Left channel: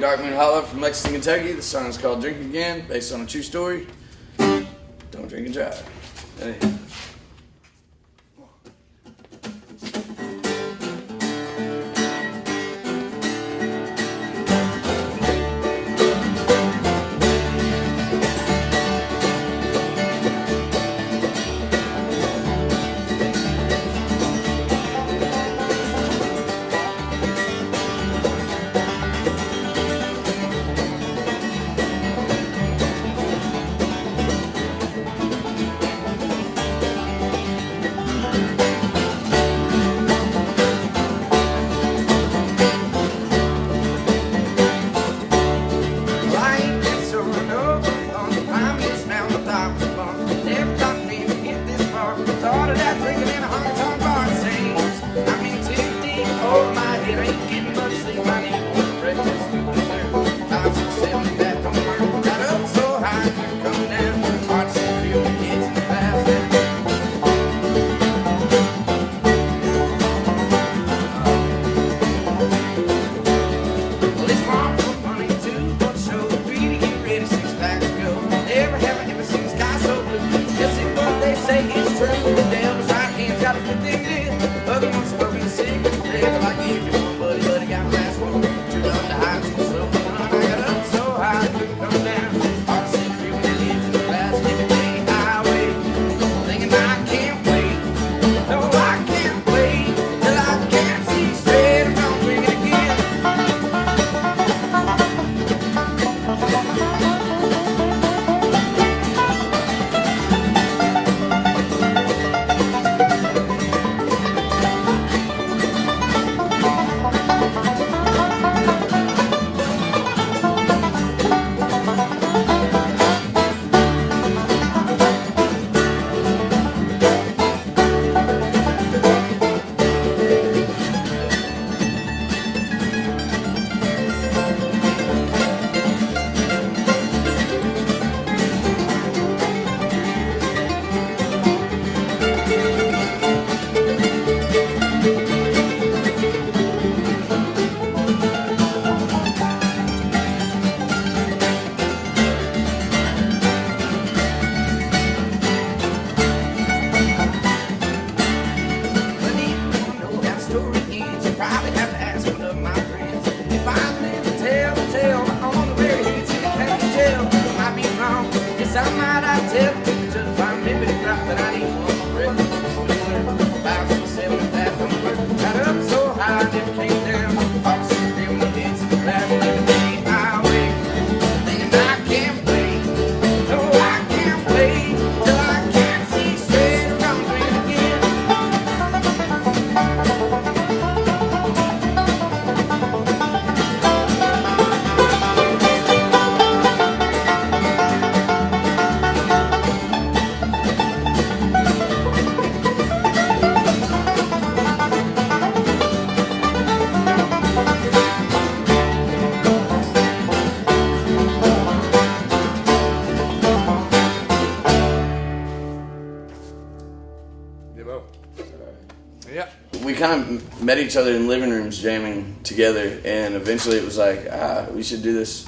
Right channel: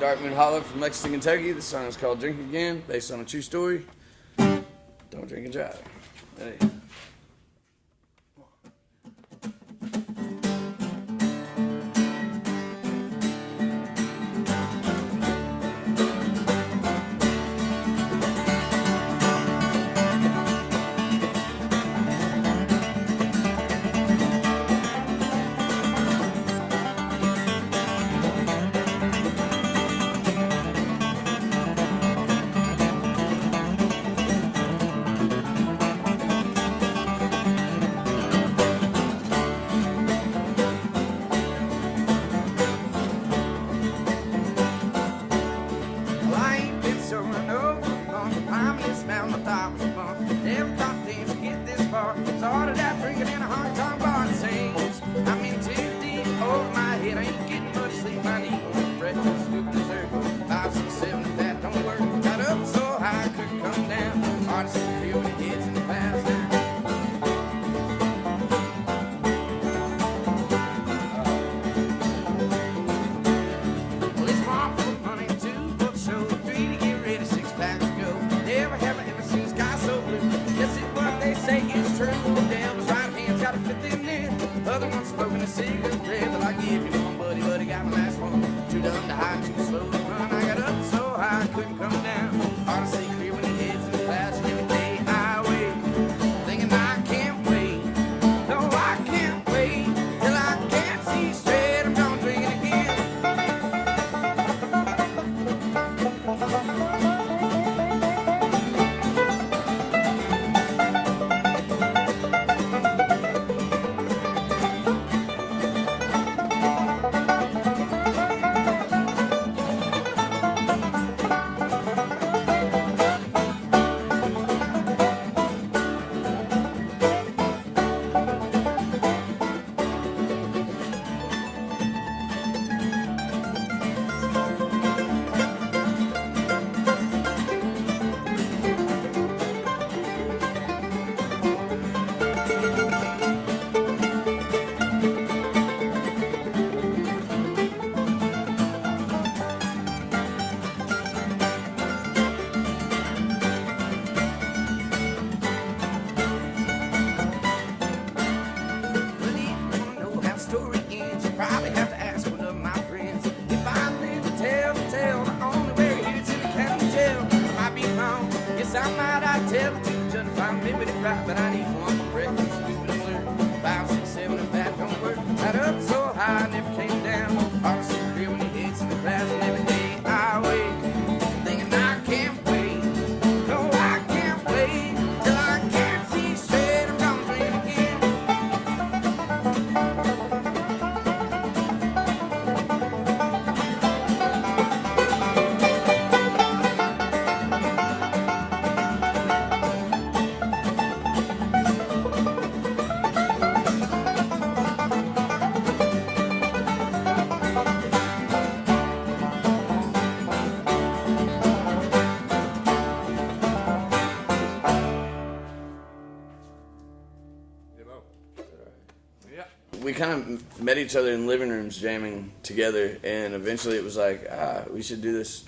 Dark Moon Hollow from Lexington, Kentucky. The song is called Drink Again, based on a true story. Don't drink and drive. Hey. We kind of met each other in living rooms jamming together, and eventually it was like, we should do this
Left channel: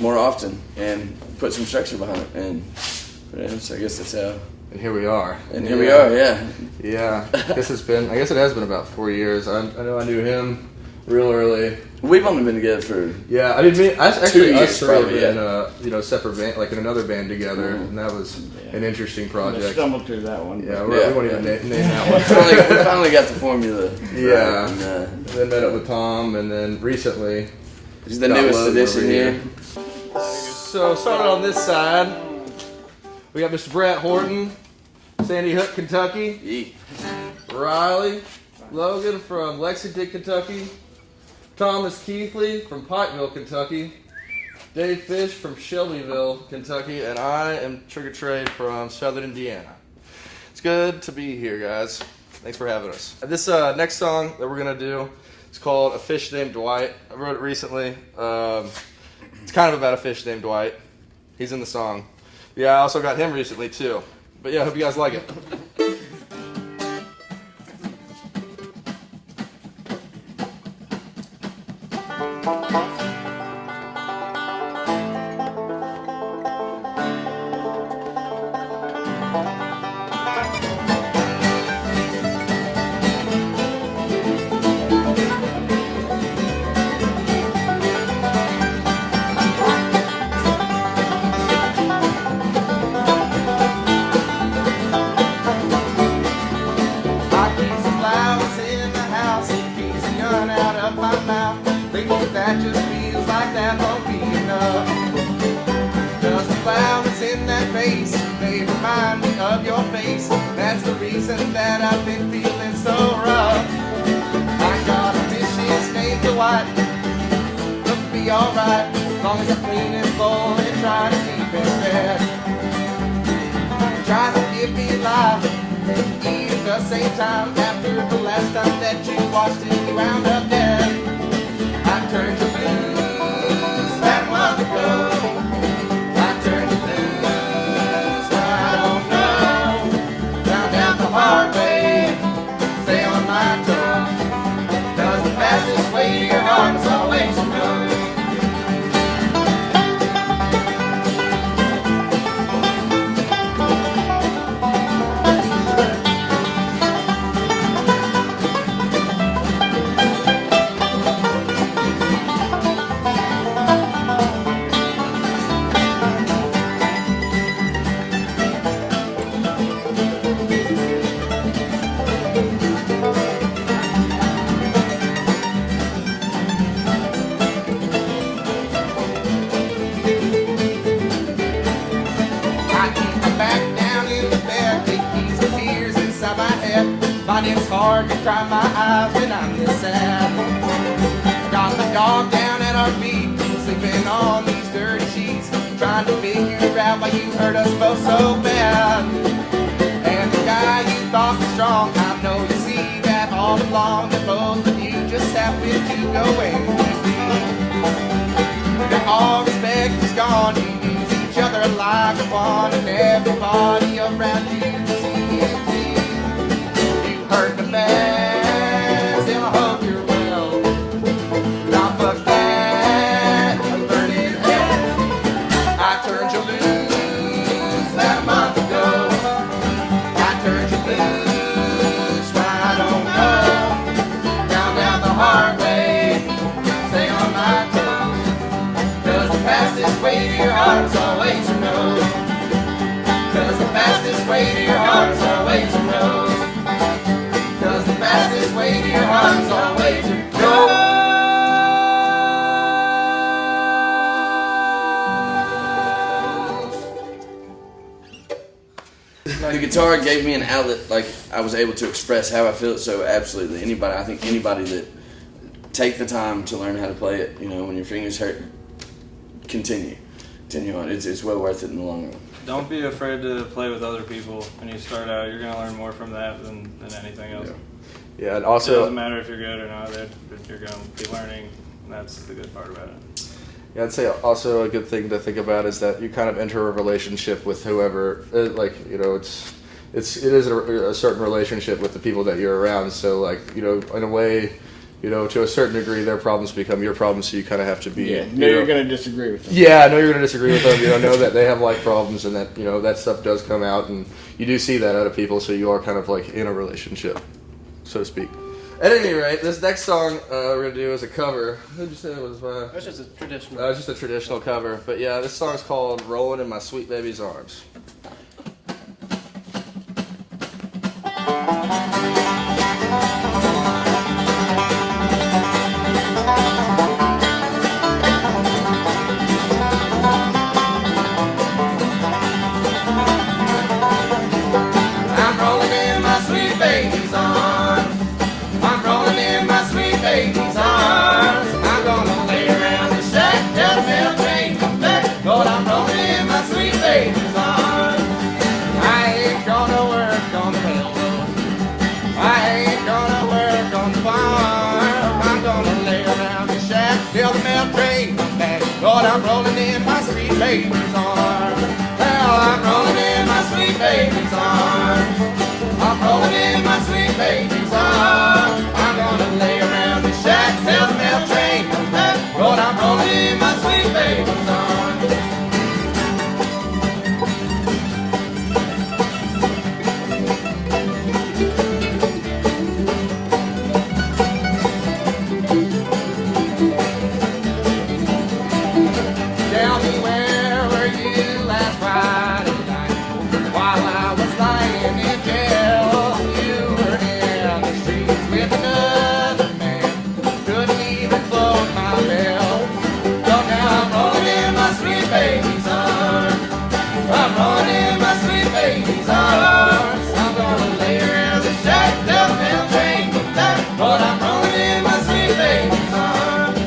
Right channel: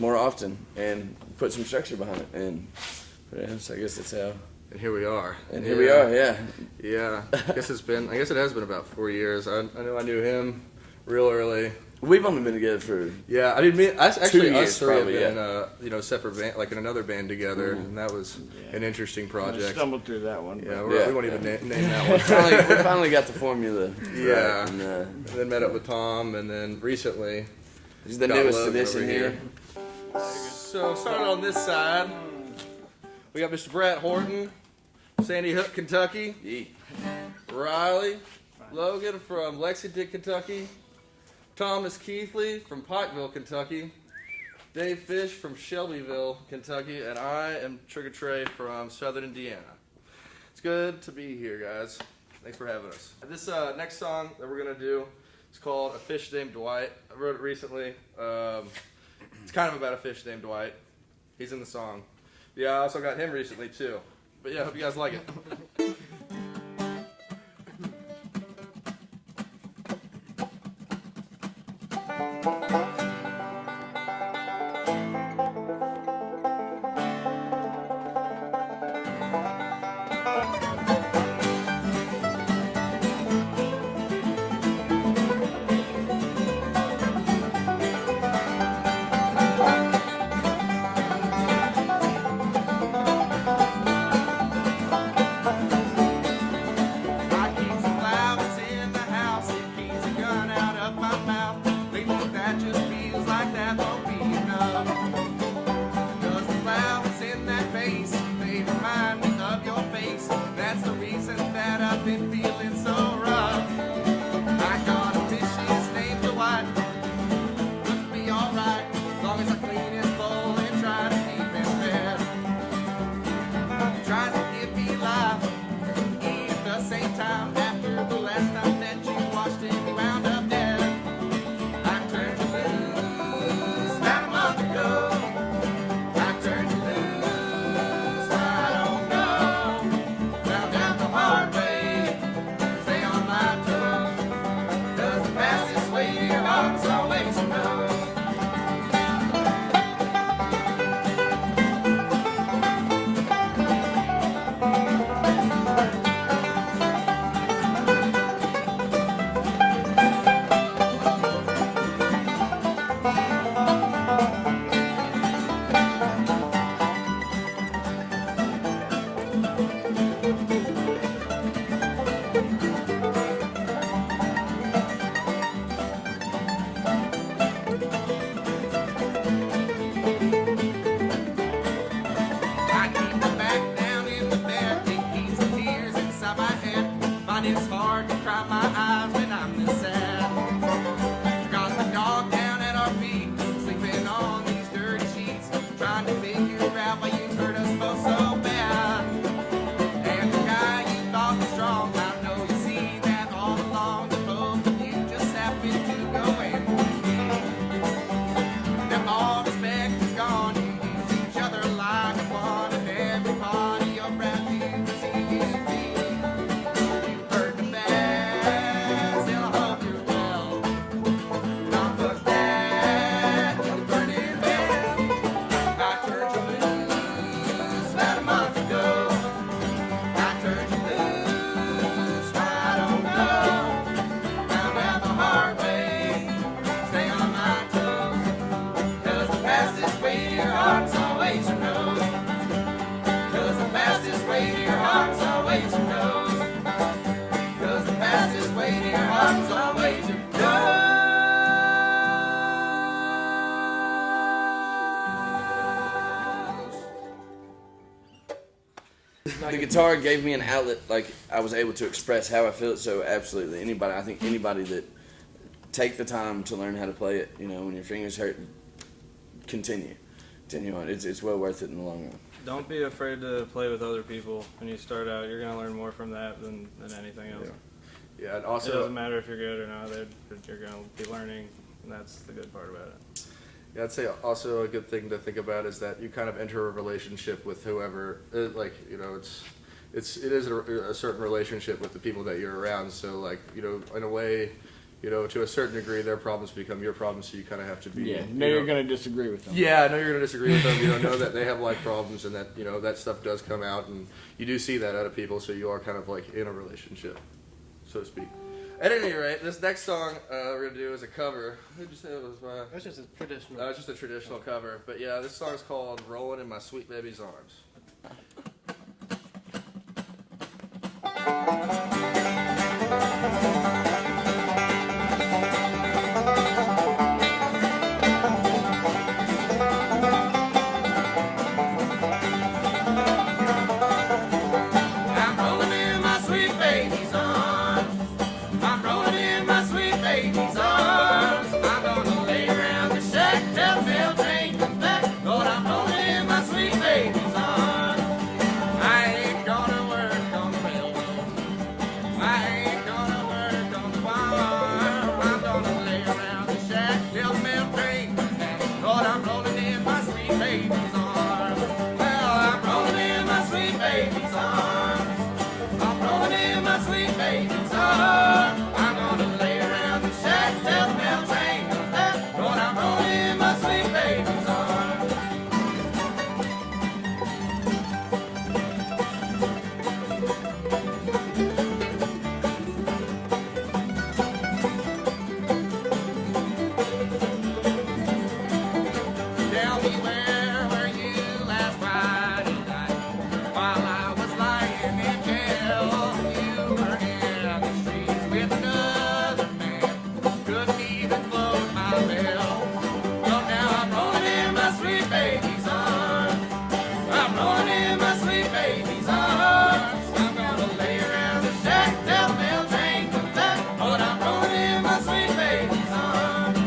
more often and put some structure behind it. And so I guess that's how. And here we are. And here we are, yeah. Yeah. I guess it has been about 4 years. I know I knew him real early. We've only been together for I didn't mean actually 2 years, us three have probably, been in a separate band, like in another band together, and that was an interesting project. Stumbled through that one. Yeah, we won't even name that one. we finally got the formula. Yeah, right, and then met up with Tom, and then recently he's the newest addition here. So starting on this side, we got Mr. Brett Horton, Sandy Hook, Kentucky. Riley Logan from Lexington, Kentucky. Thomas Keithley from Pikeville, Kentucky. Dave Fish from Shelbyville, Kentucky. And I am Trigger Trade from Southern Indiana. It's good to be here, guys. Thanks for having us. This next song that we're going to do is called A Fish Named Dwight. I wrote it recently. It's kind of about a fish named Dwight. He's in the song. Yeah, I also got him recently, too. But yeah, I hope you guys like it. that bass, they remind me of your face. That's the reason that I've been feeling so rough. I got a vicious name to white, look be alright, as long as I clean it full and try to keep it red. Try to give me life, eat at the same time after the last time that you watched it, you wound up dead. I turned you loose that month ago. I turned you loose, I don't know. Found out the hard way, stay on my toes. 'Cause the fastest way to your heart is always to know. But it's hard to cry my eyes when I'm this sad. Got the dog down at our feet, sleeping on these dirty sheets, trying to figure out why you hurt us both so bad. And the guy you thought was strong, I know you see that all along, that both of you just happened to go away. That all respect is gone, you use each other like a one, and everybody around you can see it. Hurt the best, and I hope you're well. Now fuck that, and burn in hell. I turned you loose about a month ago. I turned you loose, I don't know. Found out the hard way, stay on my toes. 'Cause the fastest way to your heart is always to know. 'Cause the fastest way to your heart is always to know. The fastest way to your heart is always to go. The guitar gave me an outlet, like I was able to express how I feel. So absolutely, I think anybody that take the time to learn how to play it, you know, when your fingers hurt, continue on. It's well worth it in the long run. Don't be afraid to play with other people when you start out. You're gonna learn more from that than anything else. Yeah, and It also doesn't matter if you're good or not, but you're going to be learning, and that's the good part about it. yeah, I'd say also a good thing to think about is that you kind of enter a relationship with whoever, like, you know, it is a certain relationship with the people that you're around. So, like, you know, in a way, you know, to a certain degree, their problems become your problems. So you kind of have to be. Yeah, you're going to disagree with them. Yeah, I know you're going to disagree with them. You know that they have life problems, and that, you know, that stuff does come out, and you do see that out of people. So you are kind of like in a relationship, so to speak. At any rate, this next song we're going to do is a cover. Who'd you say it was? That's just a traditional. It's just a traditional cover. But yeah, this song's called Rolling in My Sweet Baby's Arms. I'm rolling in my sweet baby's arms. I'm rolling in my sweet baby's arms. I'm gonna lay around the shack till the mail train comes back. Lord, I'm rolling in my sweet baby's arms. I ain't gonna work on the railroad. I ain't gonna work on the farm. I'm gonna lay around the shack till the mail train comes back. Lord, I'm rolling in my sweet baby's arms. Well, I'm rolling in my sweet baby's arms. I'm rolling in my sweet baby's arms. I'm gonna lay around the shack till the mail train comes back. Lord, I'm rolling in my sweet baby's arms. Tell me, where were you last Friday night while I baby's arms. I'm gonna lay around the shack till the mail train comes back. But I'm rolling in my sweet baby's arms.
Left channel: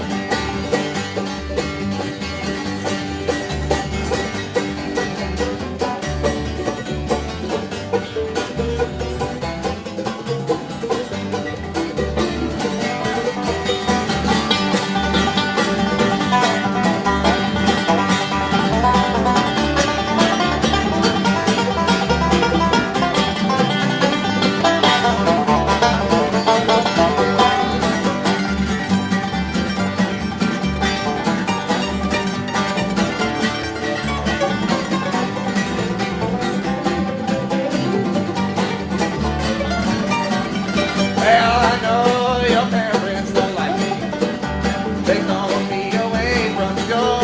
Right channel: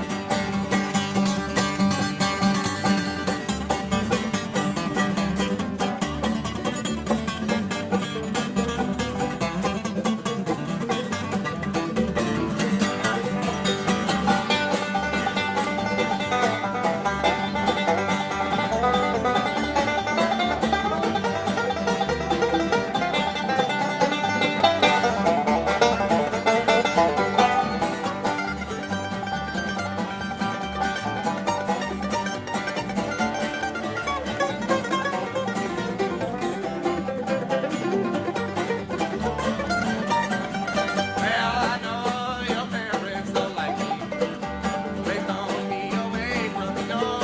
Well, I know your parents don't like me. They throw me away from the door.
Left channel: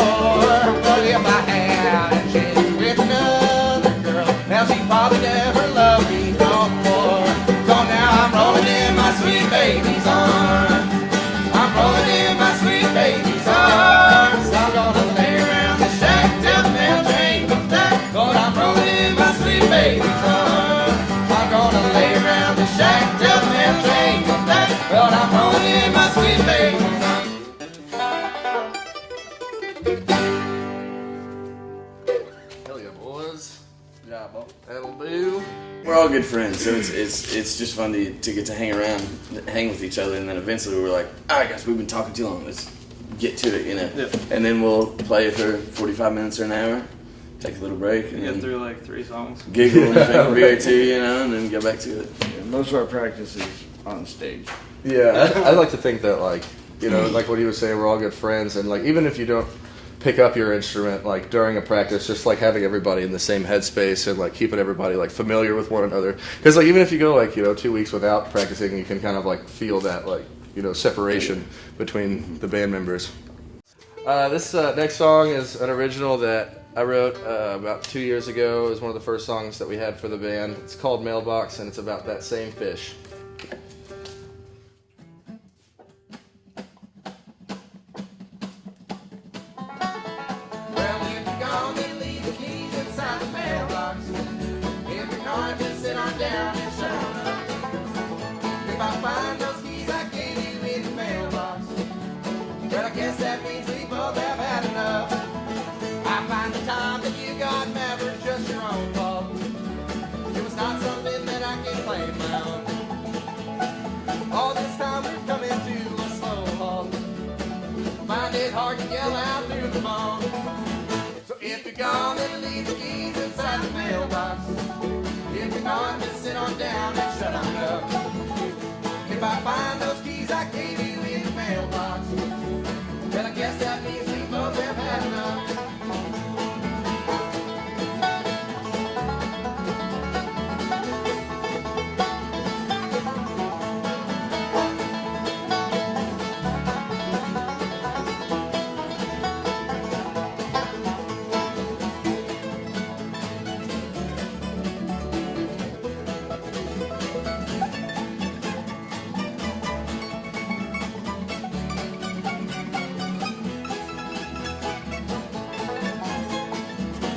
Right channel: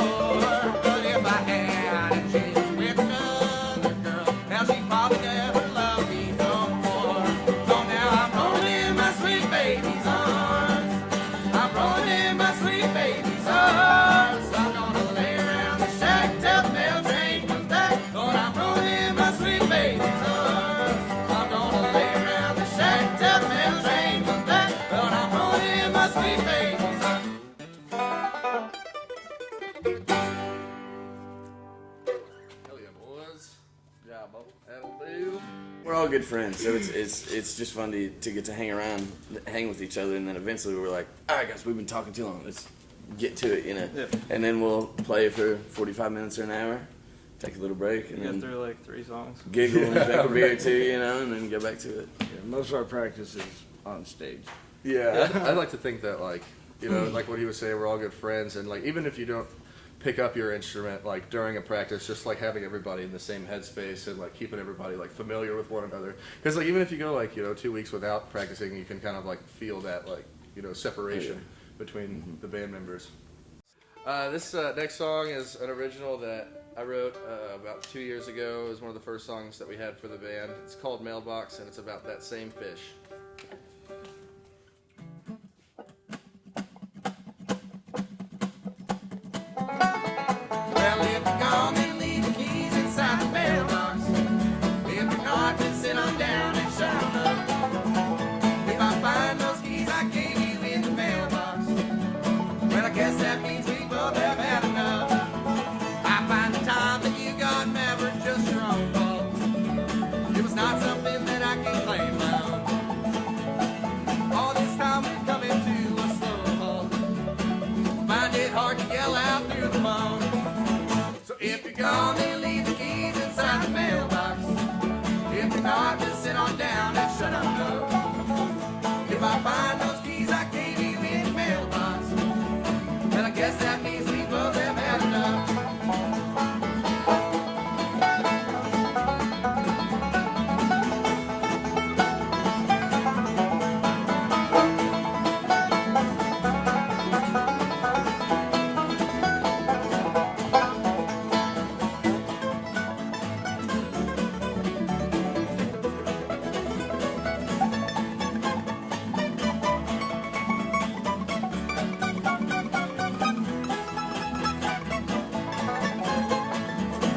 But if I had a chance with another girl, now she probably never loved me no more. So now I'm rolling in my sweet baby's arms. I'm rolling in my sweet baby's arms. I'm gonna lay around the shack till the mail train comes back. Lord, I'm rolling in my sweet baby's arms. I'm gonna lay around the shack till the mail train comes back. Lord, I'm rolling in my sweet baby's arms. Hell yeah, boys. Yeah, that'll do. We're all good friends, so it's just fun to get to hang around, hang with each other, and then eventually we're like, all right, guys, we've been talking too long. Let's get to it, you know. Yep. And then we'll play for 45 minutes or an hour, take a little break, and Get then through like 3 songs. giggle and have a beer or two, you know, and then go back to it. Yeah, most of our practice is on stage. Yeah, I like to think that, like, you know, like what he was saying, we're all good friends, and like even if you don't pick up your instrument like during a practice, just like having everybody in the same headspace and like keeping everybody like familiar with one another. Because like even if you go like 2 weeks without practicing, you can kind of like feel that like separation between the band members. This next song is an original that I wrote about 2 years ago. It was one of the first songs that we had for the band. It's called Mailbox, and it's about that same fish. Well, if you're gone, then leave the keys inside the mailbox. If you're not, then sit on down and shut up. If I find those keys I gave you in the mailbox, well, I guess that means we both have had enough. I find the time that you got never just your own fault. It was not something that I can claim my own. All this time we've come into a slow halt. Find it hard to yell out through the phone. So if you're gone, then leave the keys inside the mailbox. If you're not, then sit on down and shut on up. If I find those keys I gave you in the mailbox, well, I guess that means we both have had enough.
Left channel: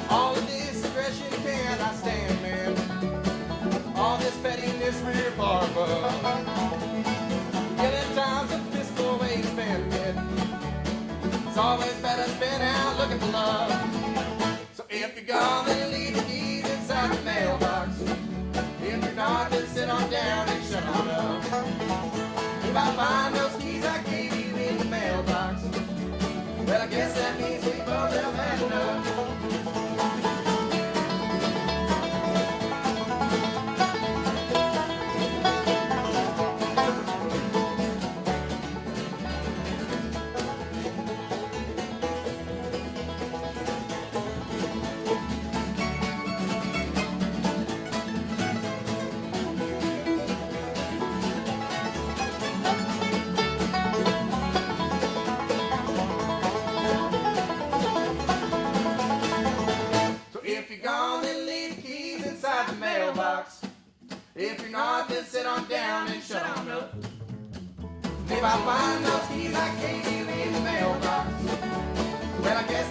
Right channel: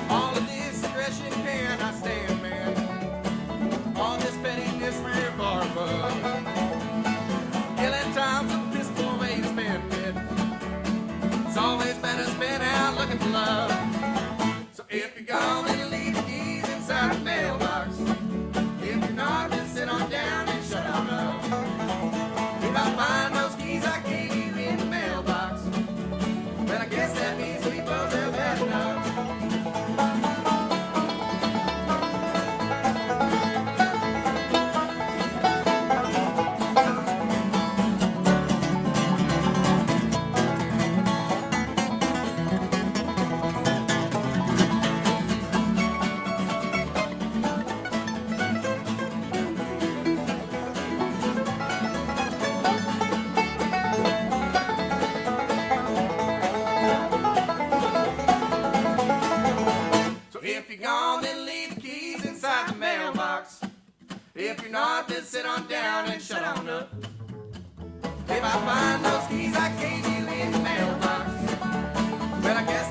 All of this aggression cannot stand, man. All this pettiness we're far above. Killing times of physical ways been dead. It's always better spin out looking for love. So if you're gone, then leave the keys inside the mailbox. If you're not, then sit on down and shut on up. If I find those keys I gave you in the mailbox, well, I guess that means we both have had enough. So if you're gone, then leave the keys inside the mailbox. If you're not, then sit on down and shut on up. If I find those keys I gave you in the mailbox, well, I guess